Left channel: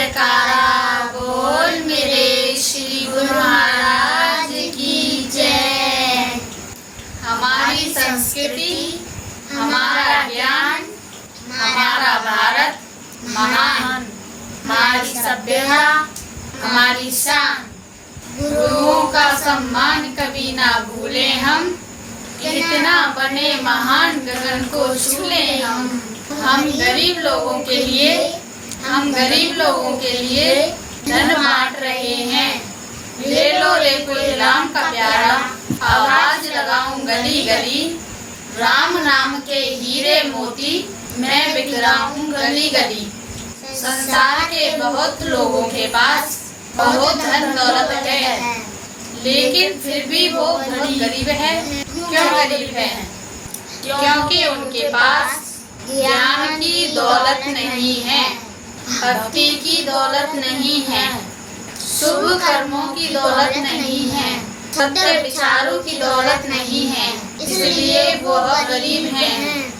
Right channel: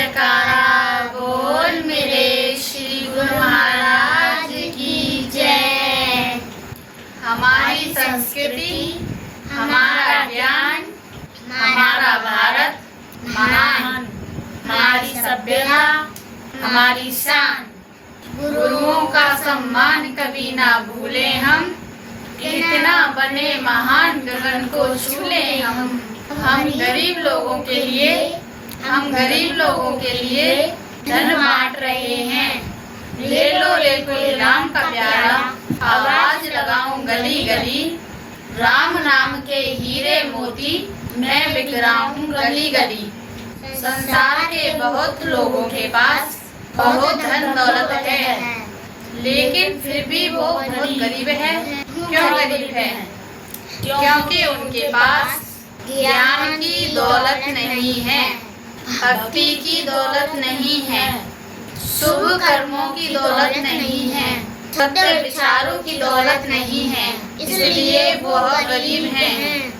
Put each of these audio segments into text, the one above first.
जयकारा बोल मेरे श्री गुरु महाराज की जय। हमारी संस्कृति, हमारा ज्ञान, हमारा भारत महान, हमारी सभ्यता, हमारी शान। गुरुओं का सम्मान कभी ना भूले हम, कितना बने महान गगन को छू ले हम। हम गरीब लोगों के लिए धन बांट रहे हैं। ले लो कोई राम का प्यारा, आवाज लगाऊं गली गली। राम नाम के हीरे मोती मैं बिक रहा हूँ गली गली। संसार के बहुत लोगों के पास बहुत धन दौलत है, लेकिन फिर भी वो बहुत गरीब है। क्यों गरीब है? क्योंकि उनके पास ज्ञान की दौलत नहीं है, भक्ति की दौलत नहीं है, शुभ कर्मों की दौलत नहीं है, सत्य विचारों की दौलत नहीं है, इसलिए वो गरीब हैं।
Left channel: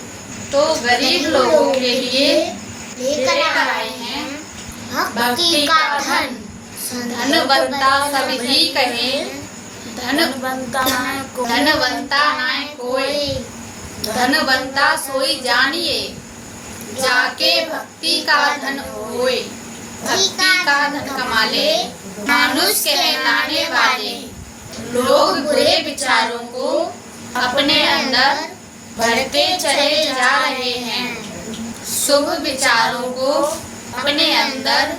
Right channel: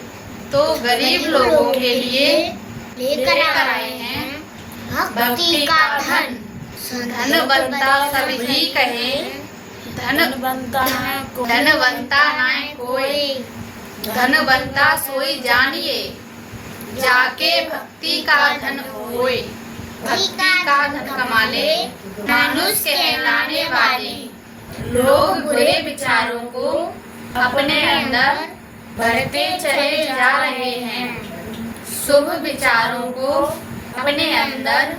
तो गरीब लोगों के लिए लेकर आए हैं भक्ति का धन। धनवंता सभी कहे, धनवंता है कोई, धनवंता सोई जानिए, जाके भक्ति का धन होए। भक्ति का धन कमा ले मनुष्य कहलाने वाले। लोग बुरे विचारों को अपने अंदर भरते चले जा रहे हैं, शुभ विचारों को अपने अंदर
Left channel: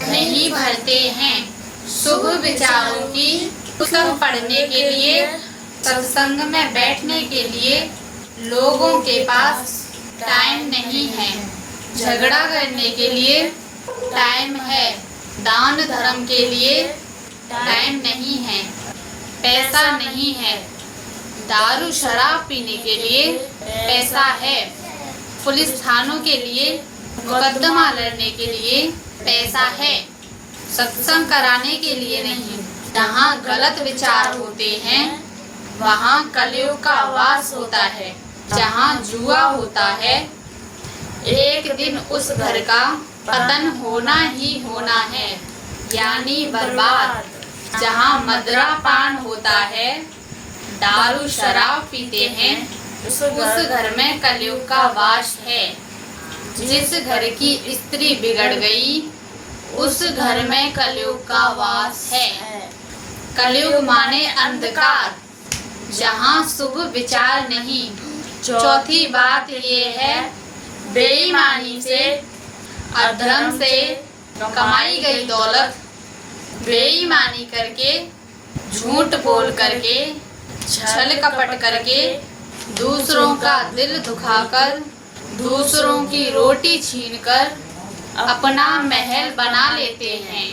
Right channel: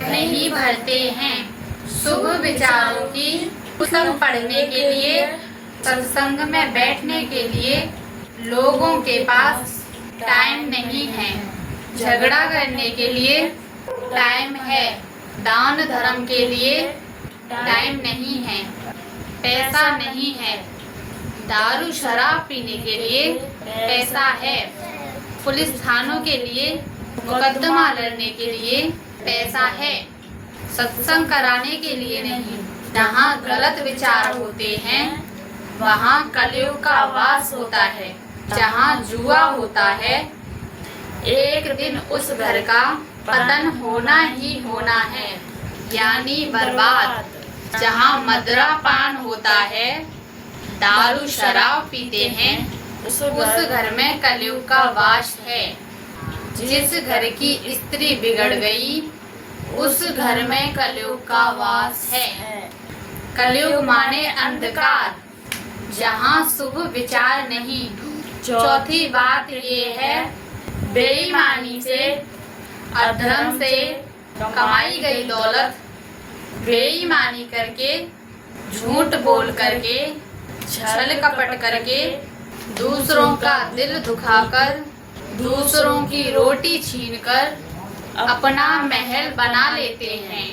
नहीं भरते हैं। शुभ विचारों की पुस्तक पढ़ने के लिए, सत्संग में बैठने के लिए लोगों के पास टाइम नहीं है। झगड़ा करने के लिए टाइम है, दान धर्म के लिए टाइम नहीं है, पैसा नहीं है। दारू शराब पीने के लिए पैसा है, पुलिस थानों के लिए मुकदमा लड़ने के लिए पैसा है, सत्संग कराने के लिए नहीं। जहाँ गलत विचार होते हैं वहाँ कलयुग का वास होता है। जहाँ जुआ होता है एक दिन उस घर का पतन होना ही होना है, यानी बर्बाद। जहाँ मदिरा पान होता है, दारू शराब पीते हैं, उस घर में कलयुग का वास है। जिस घर की स्त्री बिगड़ गई उस घर में कलयुग का वास है। कलयुग माने अंधकार, जहाँ शुभ विचार नहीं। चौथी बात ये है, बेईमानी से, अधर्म से कमाई गई दौलत बेईमानी करके, झूठ बोल करके, छल कपट करके, दूसरों का दिल दुखाकर, दूसरों की रोटी छीनकर अपना महल बना लेते हैं।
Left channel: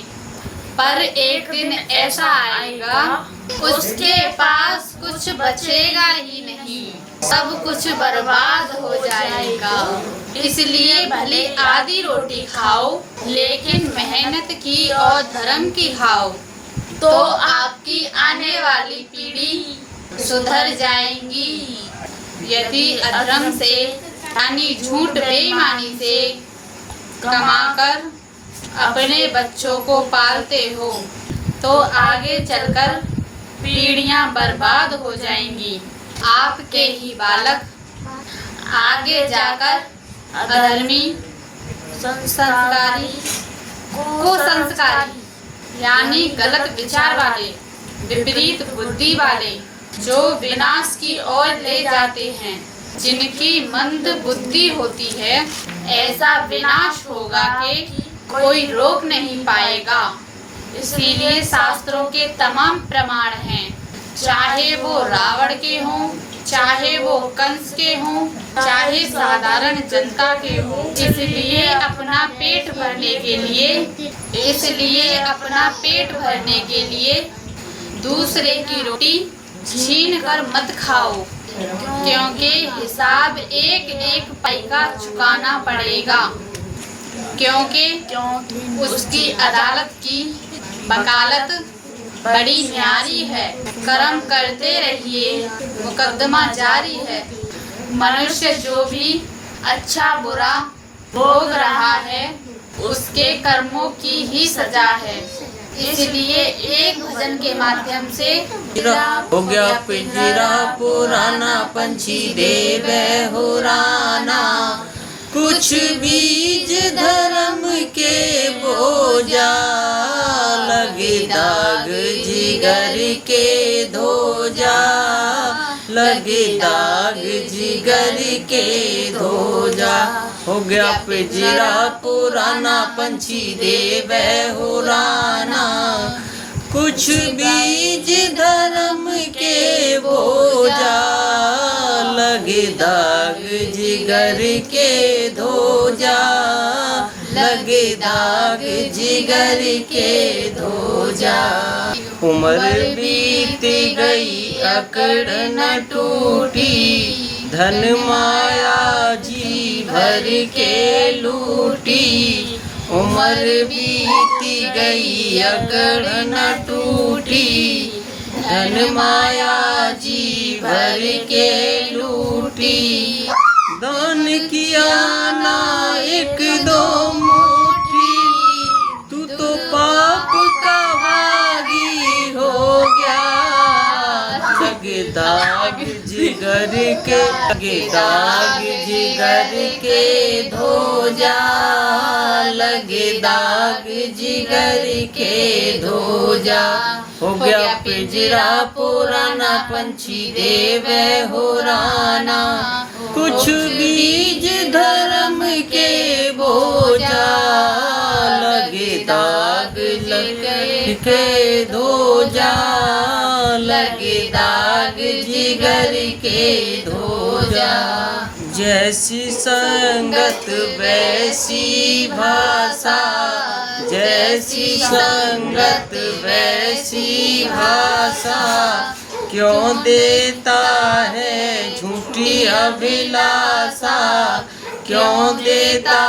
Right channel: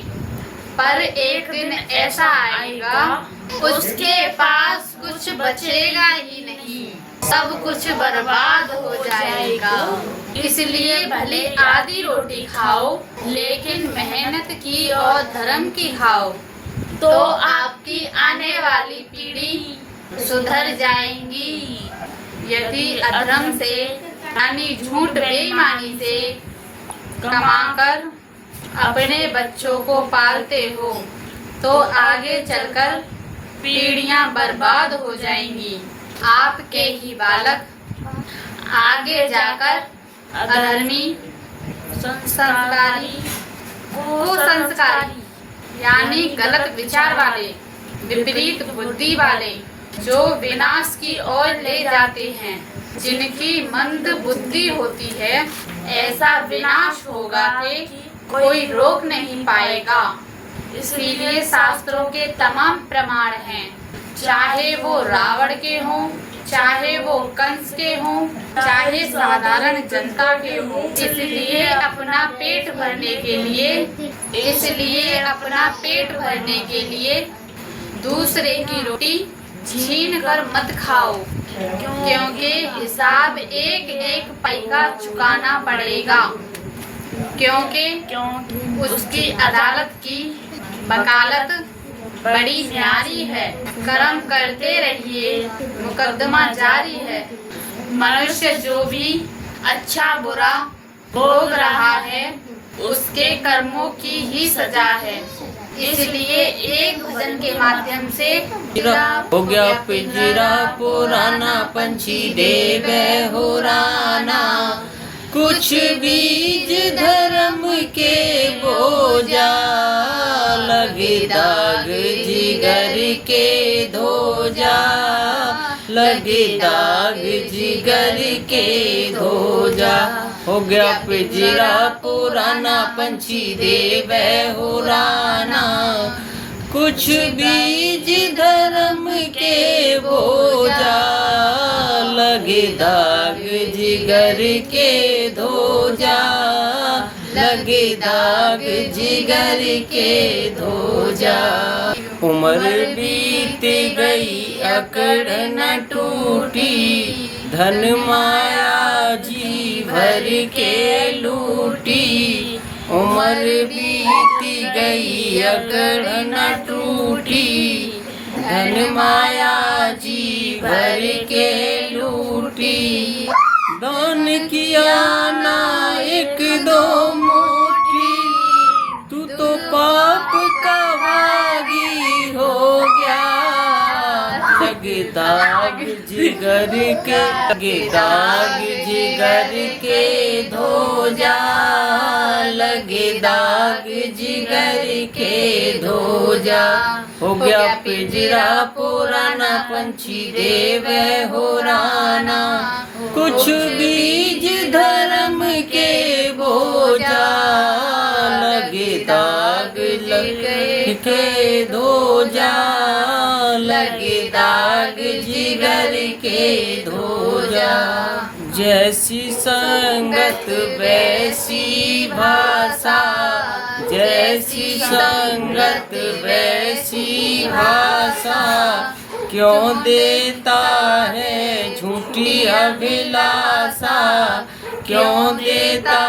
पर एक दिन ऐसा आएगा उसके पास कुछ बचेगा ही नहीं, सब कुछ बर्बाद हो जाएगा। इसलिए भले आधी रोटी खाओ, लेकिन मेहनत की और धर्म की खाओ, तो आपकी आने वाली पीढ़ी सुधर जाएंगी। यदि अधर्म से यानी झूठ बेईमानी से कमाकर अपने बच्चों को पालते हो तो आगे चलकर पीढ़ियां बर्बाद हो जाएंगी। आपके ही बालक आगे जाकर अधर्मी, संस्कारी, कुसंस्कारी यानी गलत विचार वाले, विपरीत बुद्धि वाले, जो विनाश की ओर ले जाते हैं। जिनकी मंद बुद्धि होती है, ऐसा विनाश होगा कि कोई रोक नहीं पाएगा। इसीलिए शास्त्रों के तमाम प्रमाण हैं, चाहे वो रावण के हों, चाहे वो कंस के हों, चाहे साधारण जनता के हों। इसलिए अपना पेट भरने के लिए दूसरे की रोटी छीन कर मत खाओ, क्योंकि हिसाब एक एक पैसा चुकाना पड़ेगा। क्योंकि उसकी अदालत की वकालत बड़ी न्यारी है। कर्म करते रहिए, मुकदमा जारी है। मनुष्य जो भी अच्छा बुरा भोग रहा है उसके कर्मों की ही सजा है। इसलिए एक भजन के माध्यम से हो गया पिंजरा पुराना, पंछी दे वह हो राना। कुछ बीज धर्म के बोझा, लगे दाग जिगर के धोजा, लगे दाग जिगर के धोजा। हो गया पिंजरा पुराना, पंछी दे वह हो राना। कुछ बीज धर्म के बोझा, लगे दाग जिगर के धोजा, लगे दाग जिगर के धोजा। उम्र बीत गई अकड़ न टूटी, धन माया जी भर के लूटी। उम्र बीती गई अकड़ न टूटी, धन माया जी भर के लूटी। दान किया ना एक दो मुट्ठी, तू तो पाप का भागी हो गया। लगे दाग जिगर के, लगे दाग जिगर के धोजा, लगे दाग जिगर के धोजा। हो गया पिंजरा पुराना, पंछी दे वह हो राना। कुछ बीज धर्म के बोझा, लगे दाग लगे के धोजा, लगे दाग जिगर के धोजा। जैसी संगत वैसी भाषा, जैसी संगत वैसी भाषा। क्यों देता है झूठी अभिलाषा, क्यों देता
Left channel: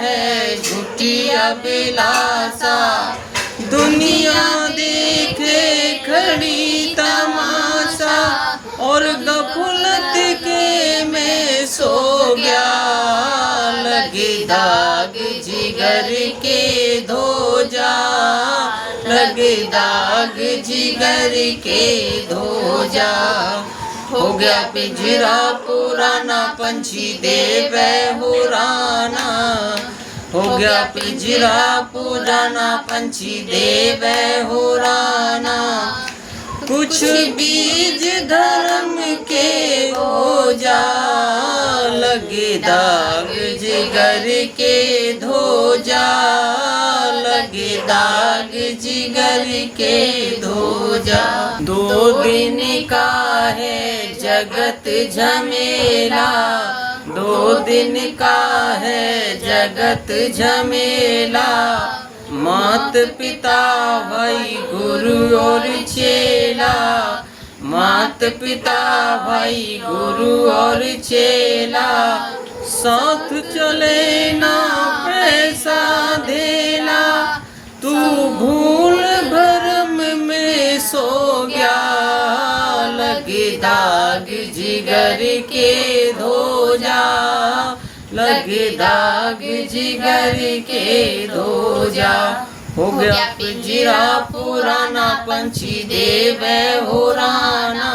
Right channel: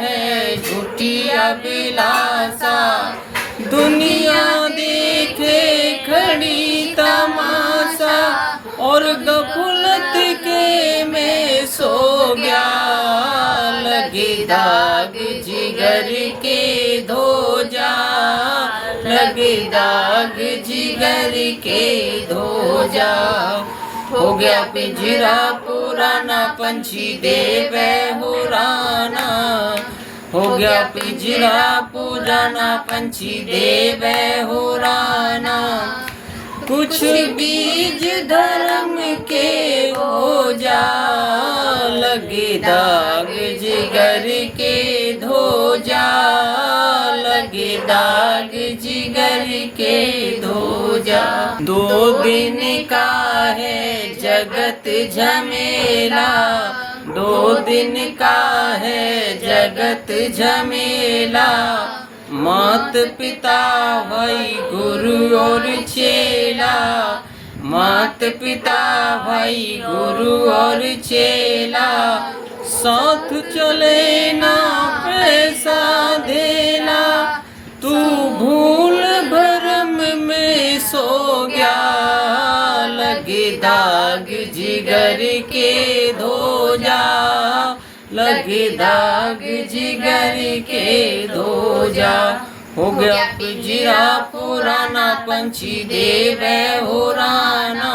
है झूठी अभिलाषा। दुनिया देखे खड़ी तमाशा, और गफलत के में सो गया। लगे दाग जिगर के धोजा, लगे दाग जिगर के धोजा। हो गया पिंजरा पुराना, पंछी दे वह हो राना। हो गया पिंजरा पुराना, पंछी दे वह हो राना। कुछ बीज धर्म के बोझा, लगे दाग जिगर के धोजा, लगे दाग जिगर के धोजा। 2 दिन का है जगत झमेला, 2 दिन का है जगत झमेला। मात पिता भाई गुरु और चेला, मात पिता भाई गुरु और चेला। साथ चले ना पैसा देना, तू भूल भरम में सो गया। लगे दाग जिगर के धोजा, लगे दाग जिगर के धोजा। हो गया पिंजरा पुराना, पंछी दे वह हो राना।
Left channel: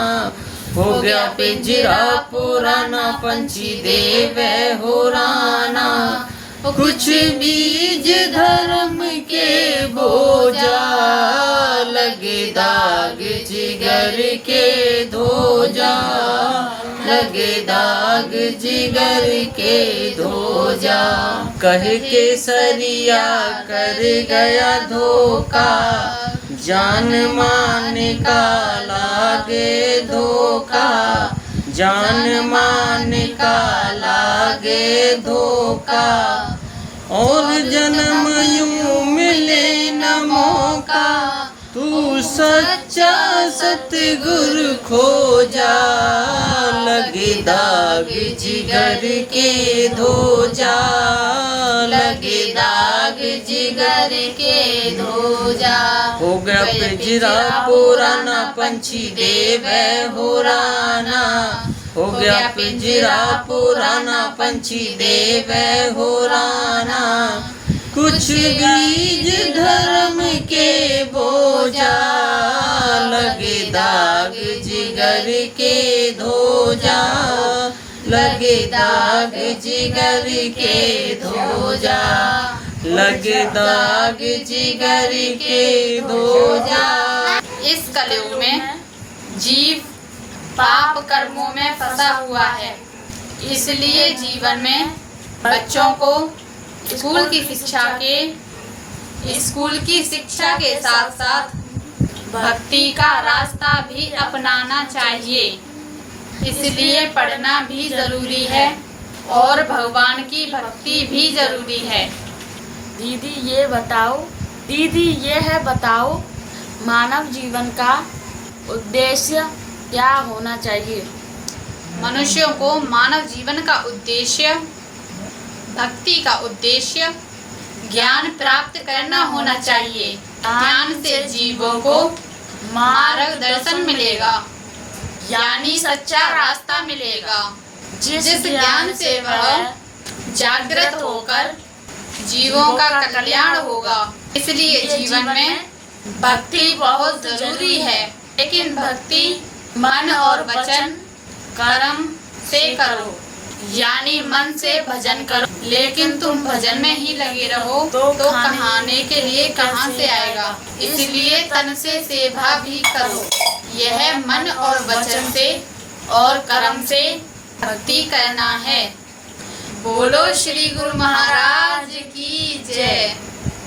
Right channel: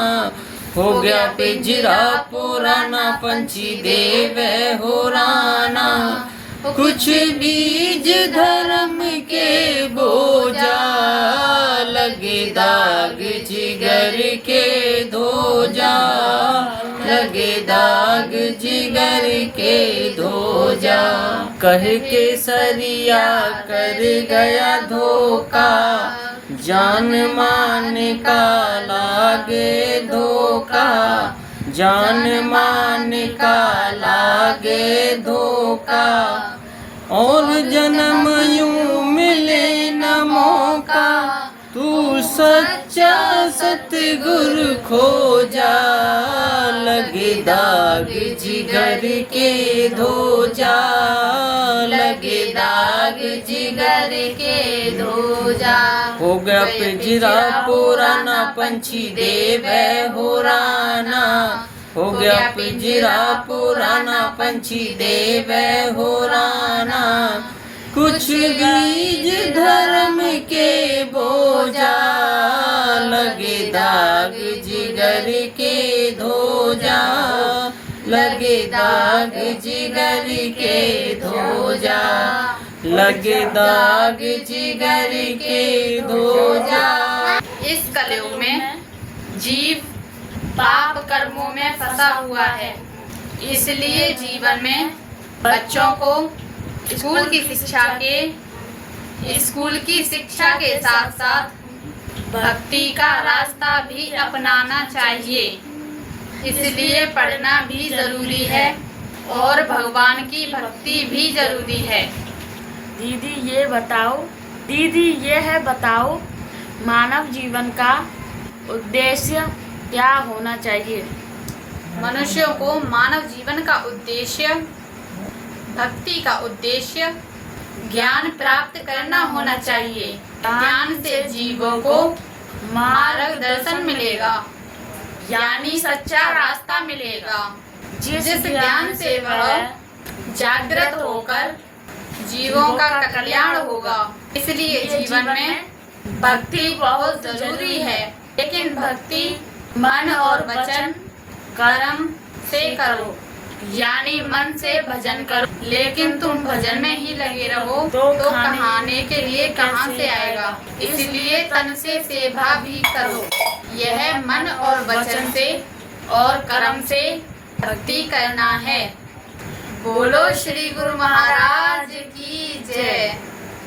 हो गया पिंजरा पुराना, पंछी दे वह हो राना। कुछ बीज धर्म के बोझा, लगे दाग जिगर के धोजा, लगे दाग जिगर के धोजा। कह के सरिया कर गया धोखा, जान मान का लागे धोखा, जान मान का लागे धोखा। और जन्म यूं मिले न मौका, तू सच्चा सतगुरु खोजा। लगे दाग जिगर के धोजा, लगे दाग जिगर के धोजा। हो गया पिंजरा पुराना, पंछी दे वह हो राना। हो गया पिंजरा पुराना, पंछी दे वह हो राना। कुछ बीज धर्म के बोझा, लगे दाग जिगर के धोजा, लगे दाग जिगर के धोजा, लगे दाग जिगर के धोजा। इस कलयुग में जीव पाप कर्मों में फंसा हुआ है, इसलिए जीवन में बच्चों को स्कूल की शिक्षा के साथ साथ भक्ति का रास्ता भी अपनाना चाहिए। इसलिए पढ़ना भी जरूरी है और भगवान की भक्ति भी जरूरी है। दीदी ये बताओ मानव जीवन का उद्देश्य क्या होना चाहिए? मनुष्यों को मानव जीवन का उद्देश्य, भक्ति का उद्देश्य ज्ञान प्राप्त करना होना चाहिए। ज्ञान से जीवों को मार्गदर्शन मिलेगा, यानी सच्चा रास्ता मिलेगा, जिस ज्ञान से वह जागृत होकर जीवों का कल्याण होगा। इसलिए जीवन में भक्ति बहुत जरूरी है, लेकिन भक्ति मन और वचन कर्म से करो, यानी मन से भजन करो। लेकिन तुम भजन में ही लगे रहो तो खाने के लिए कहाँ से आएगा? इसलिए तन से सेवा भी करो। यह मन और वचन से और कर्म से भक्ति करना है। बोलो श्री गुरु महाराज की जय।